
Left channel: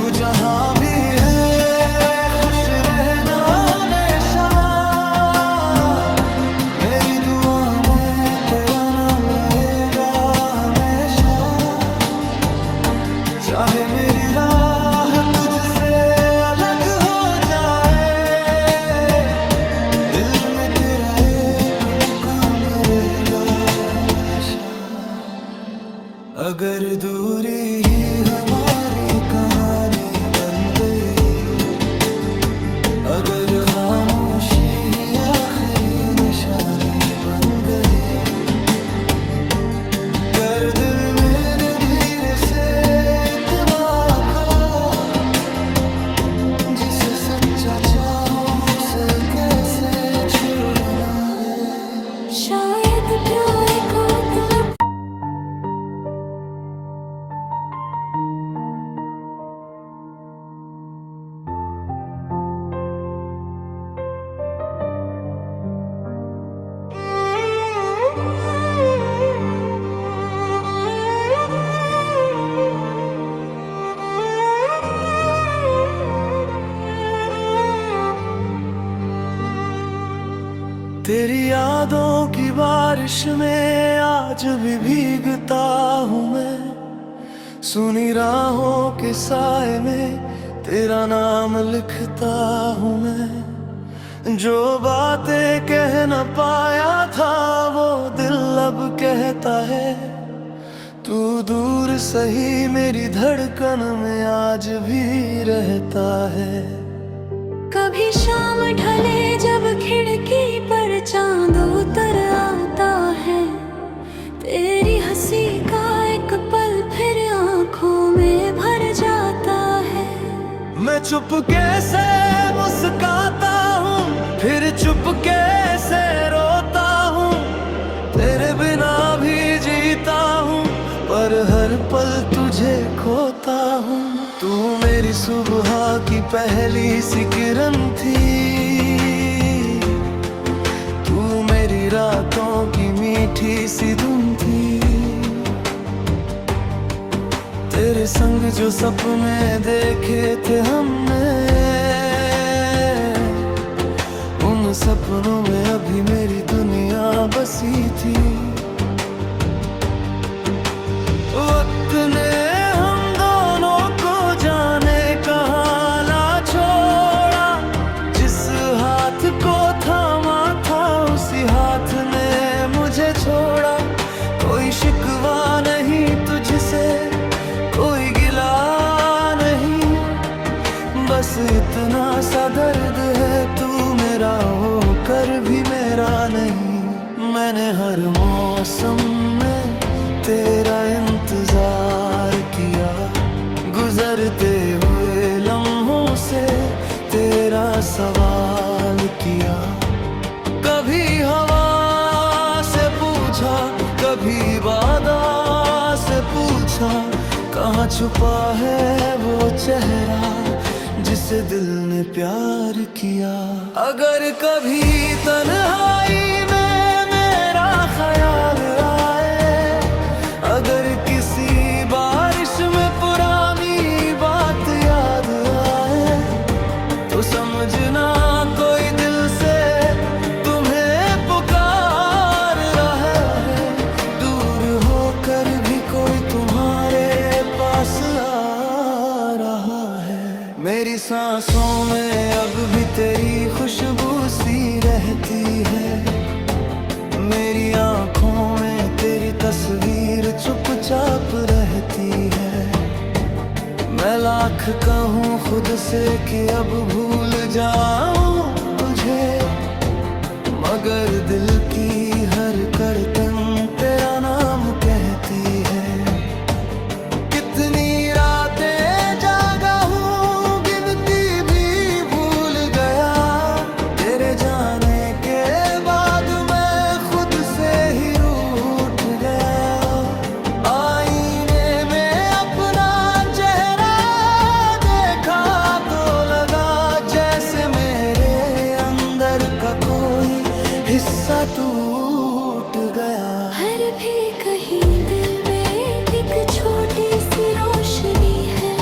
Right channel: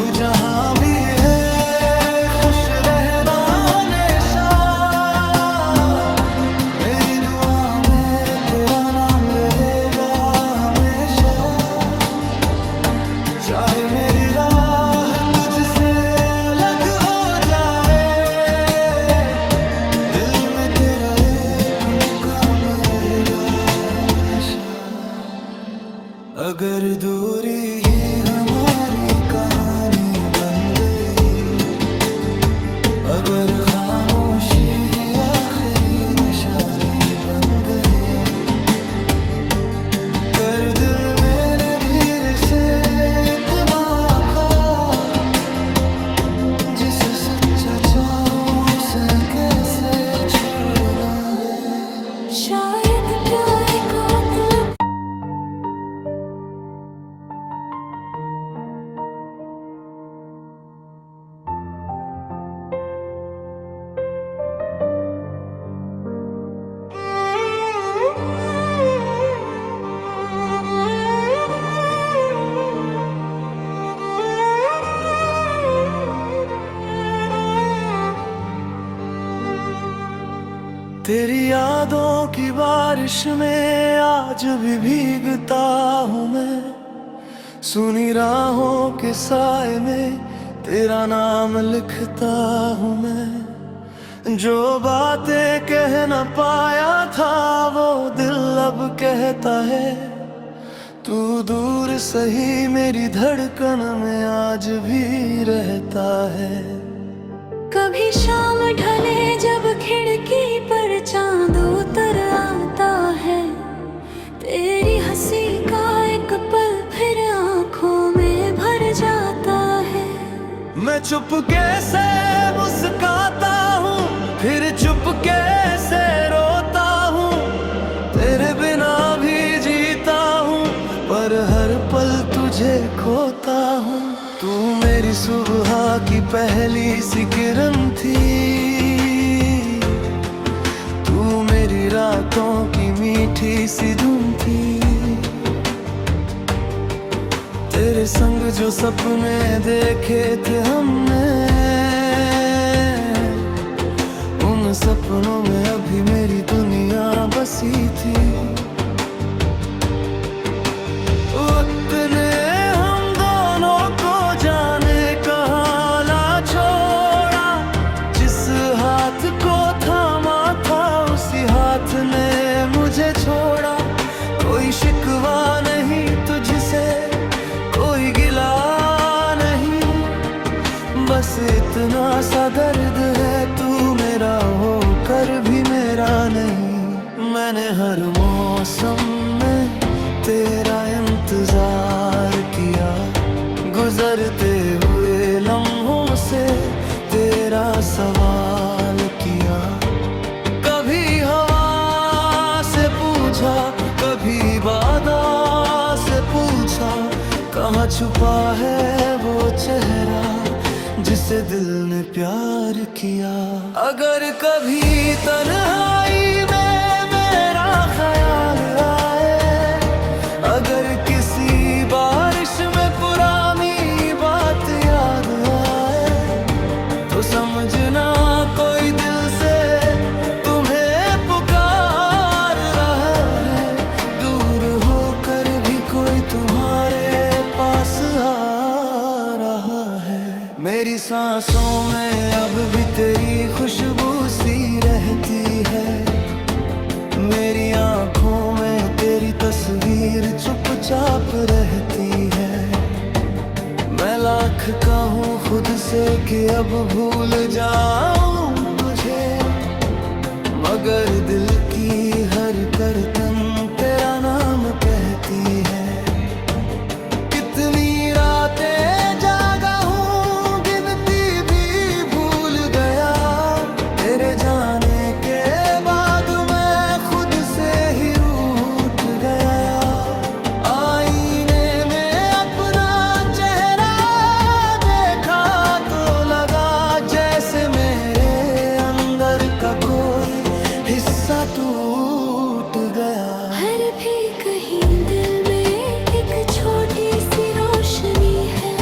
तू जहां भी है खुश रहना हमेशा, मेरी दुआ में तेरा नाम रहेगा हमेशा। चाहे मेरी राह तुझसे अलग हो जाए, दिल में तेरा एक मुकाम रहेगा हमेशा। अगर दूरी ही हमारी कहानी बन गई, अगर खामोशी ही आखिरी निशानी बन गई, कर दिल मैंने धीरे से इत्मीनान का, जिसे सच्चा चाहो उसे कैसे छोड़ना है। शायद प्यार का मतलब तेरी यादों की बारिश में आज भी भीगता हूँ मैं, सुनी राहों के साए में तेरा नाम लिखता हूँ मैं। जो बातें कह न पाया था वो दिल अब कहता है, तू दूर सही मेरी धड़कन में आज भी रहता है। कभी शाम ढले जब खिड़की पर चांद उतर आता है, तेरी हंसी का एक पल फिर आंखों में भर जाता है। मैं चुपके से मुस्काता हूँ फिर चुपके से रोता हूँ, तेरे बिना भी जीता हूँ पर हर पल तुझे खोता हूँ। तू मेरी सुबह की पहली सी किरण थी, तू मेरी रातों की मीठी सी धुन थी। तेरे संग जो सपने देखे थे हमने, उन सपनों में अभी मेरी दुनिया बसी थी। वक्त ने हम दोनों को जाने कहाँ ला छोड़ा, जिस हाथ को थामा था उसी हाथ ने मुझे छोड़ा। कोई शिकवा नहीं तुझसे, कोई गिला नहीं, बस इतना सा दर्द है तू मेरा होकर भी मेरा नहीं। मैंने हर मौसम में तेरा इंतजार किया, गुजरते हुए लम्हों से तेरा सवाल किया। कभी हवा से पूछा, कभी बादा से पूछा, कहाँ छुपा है वो चेहरा जिसे दिल ने प्यार किया। अगर कभी तन्हाई में मेरा ख्याल आए, अगर किसी बारिश में पुरानी बात याद आए, तो समझना कोई दिल से तुम्हें पुकार रहा है। दूर होकर भी कोई तुम्हारे पास आ रहा है। मेरी सांसों में अब भी तेरी खुशबू सी रहती है, मेरी आँखों में तेरी तस्वीर चुपचाप रहती है। मैं लाख कहूँ खुद से कि अब भूल जाऊं तुझे, मगर दिल की हर करतन तेरा नाम कहती है। कितनी रातें जागा हूँ गिनती भी भूल गया, तेरे जाने के बाद मैं खुद से ही रूठ गया। आईने में अपना चेहरा देखा तो लगा जैसे मेरे अंदर का कोई हिस्सा टूट गया। हर भी कहीं दिल में एक छोटी सी रोशनी है,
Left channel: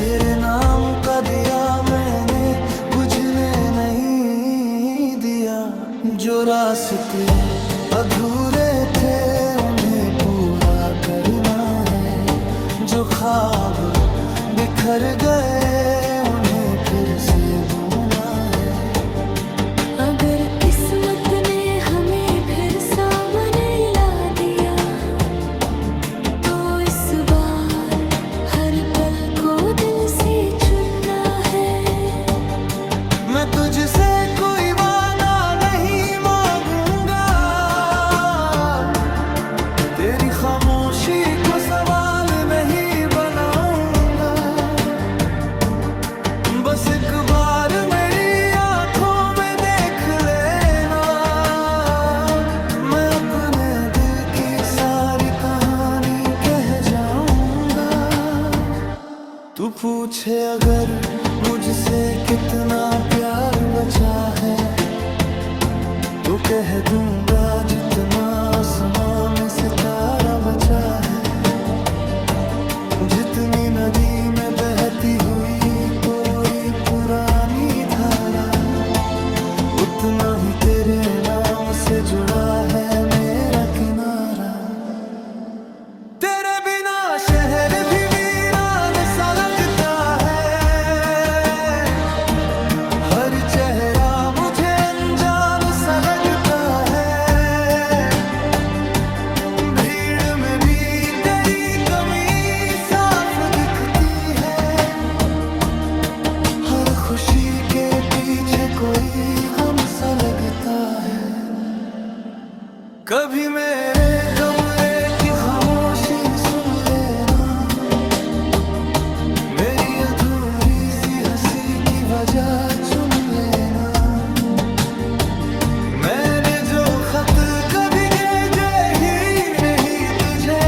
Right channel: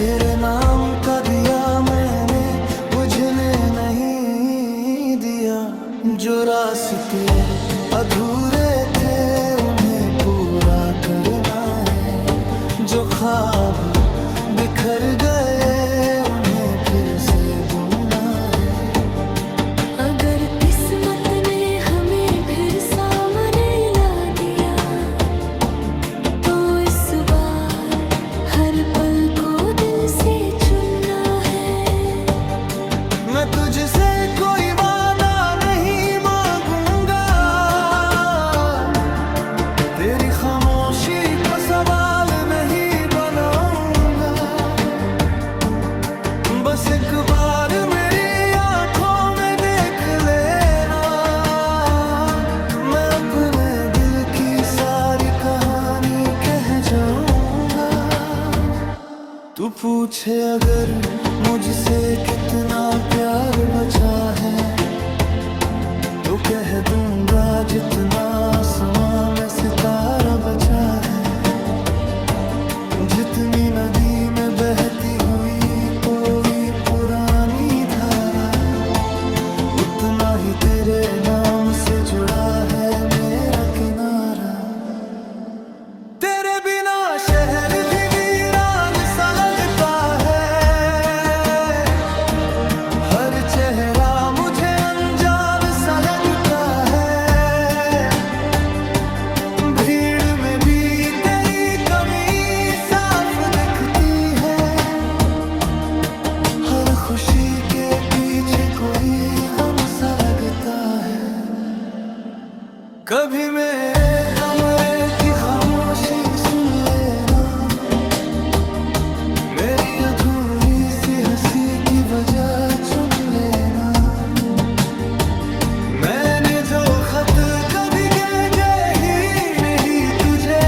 तेरे नाम का दिया मैंने, बुझने नहीं दिया। जो रास्ते अधूरे थे उन्हें पूरा करना है, जो ख्वाब बिखर गए उन्हें फिर से बुनना है। अगर किस्मत ने हमें फिर सामने ला दिया, तो इस बार हर पल को दिल से चुनना है। मैं तुझसे कोई वादा नहीं मांगूंगा, तेरी खामोशी को सवाल नहीं बनाऊंगा। बस एक बार मेरी आंखों में देख लेना, मैं अपने दिल की सारी कहानी कह जाऊंगा। तू पूछे अगर मुझसे कितना प्यार बचा है, तो कह दूंगा जितना आसमां में सितारा बचा है। जितनी नदी में बहती हुई कोई पुरानी धारा, उतना ही तेरे नाम से जुड़ा है मेरा किनारा। तेरे बिना शहर भी वीरान सा लगता है, हर चेहरा मुझे अनजान सा लगता है। भीड़ में भी तेरी कमी साफ दिखती है, हर खुशी के पीछे कोई गम सा लगता है। कभी मेरे कमरे की खामोशी सुन लेना, मेरी अधूरी सी हंसी की वजह चुन लेना। मैंने जो खत कभी भेजे ही नहीं तुझे,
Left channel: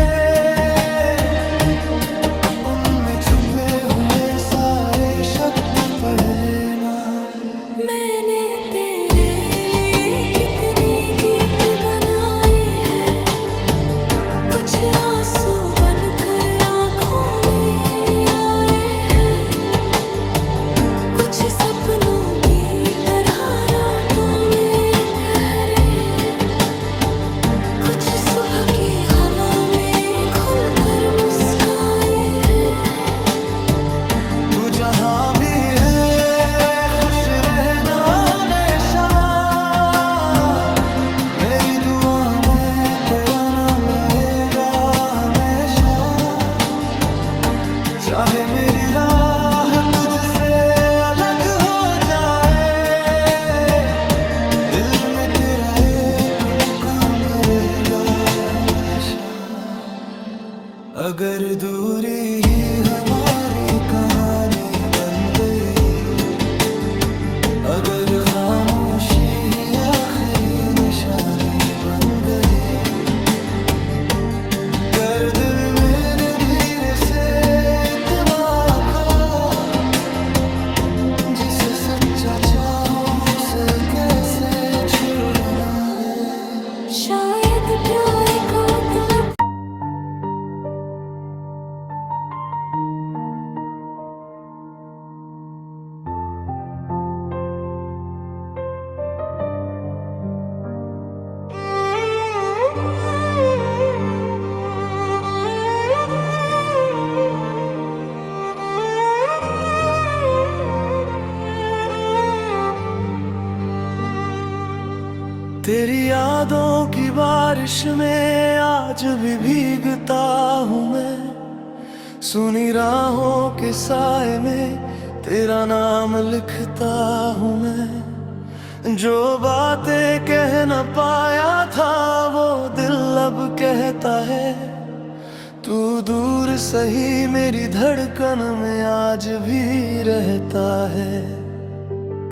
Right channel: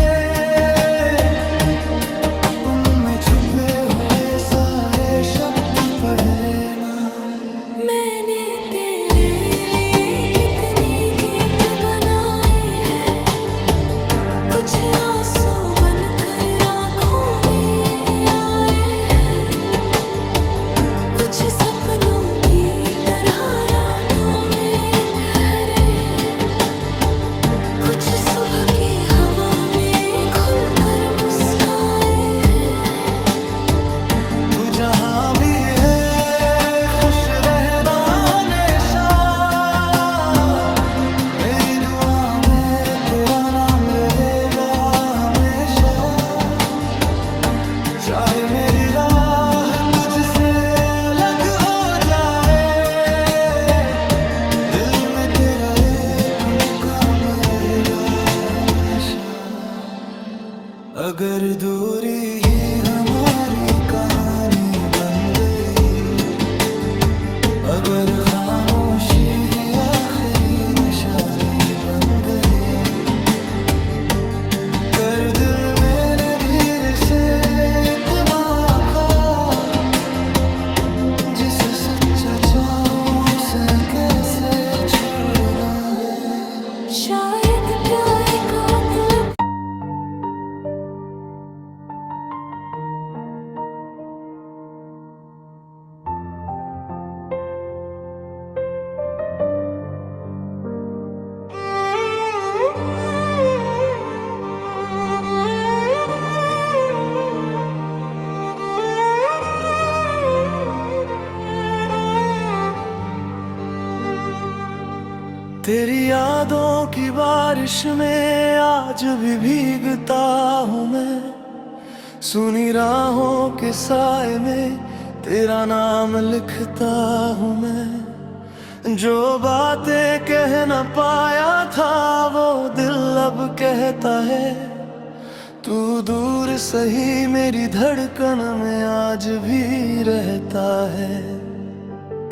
उनमें छुपे हुए सारे शब्द पढ़ लेना। मैंने तेरे लिए कितने गीत बनाए हैं, कुछ आंसू बनकर आंखों में आए हैं, कुछ सपनों की तरह रातों में ठहरे, कुछ सुबह की हवा में खुलकर मुस्काए हैं। तू जहां भी है खुश रहना हमेशा, मेरी दुआ में तेरा नाम रहेगा हमेशा। चाहे मेरी राह तुझसे अलग हो जाए, दिल में तेरा एक मुकाम रहेगा हमेशा। अगर दूरी ही हमारी कहानी बन गई, अगर खामोशी ही आखिरी निशानी बन गई, कर दिल मैंने धीरे से इत्मीनान का, जिसे सच्चा चाहूं उसे कैसे छोड़ना है। शायद प्यार का मतलब तेरी यादों की बारिश में आज भी भीगता हूँ मैं, सुनी राहों के साए में तेरा नाम लिखता हूँ मैं। जो बातें कह न पाया था वो दिल अब कहता है, तू दूर सही मेरी धड़कन में आज भी रहता है।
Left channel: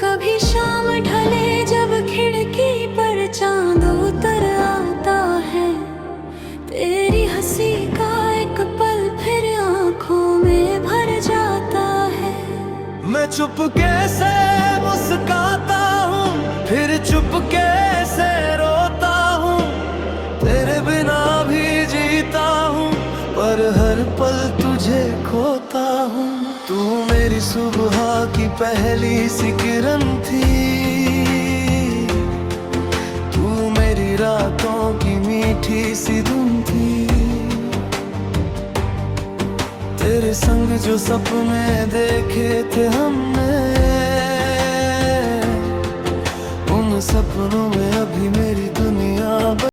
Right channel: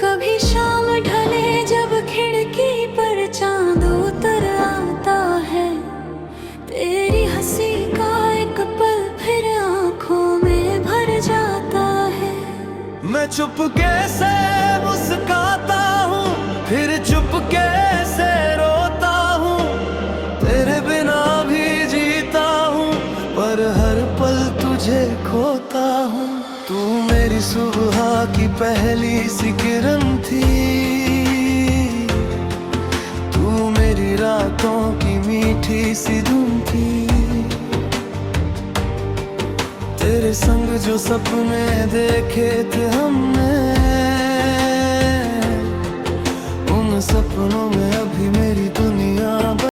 कभी शाम ढले जब खिड़की पर चांद उतर आता है, तेरी हंसी का एक पल फिर आंखों में भर जाता है। मैं चुपके से मुस्काता हूँ, फिर चुपके से रोता हूँ, तेरे बिना भी जीता हूँ, पर हर पल तुझे खोता हूँ। तू सुबह की पहली सी किरण थी, तू मेरी रातों की मीठी सी धुन थी। तेरे संग जो सपने देखे थे हमने, उन सपनों में अभी मेरी दुनिया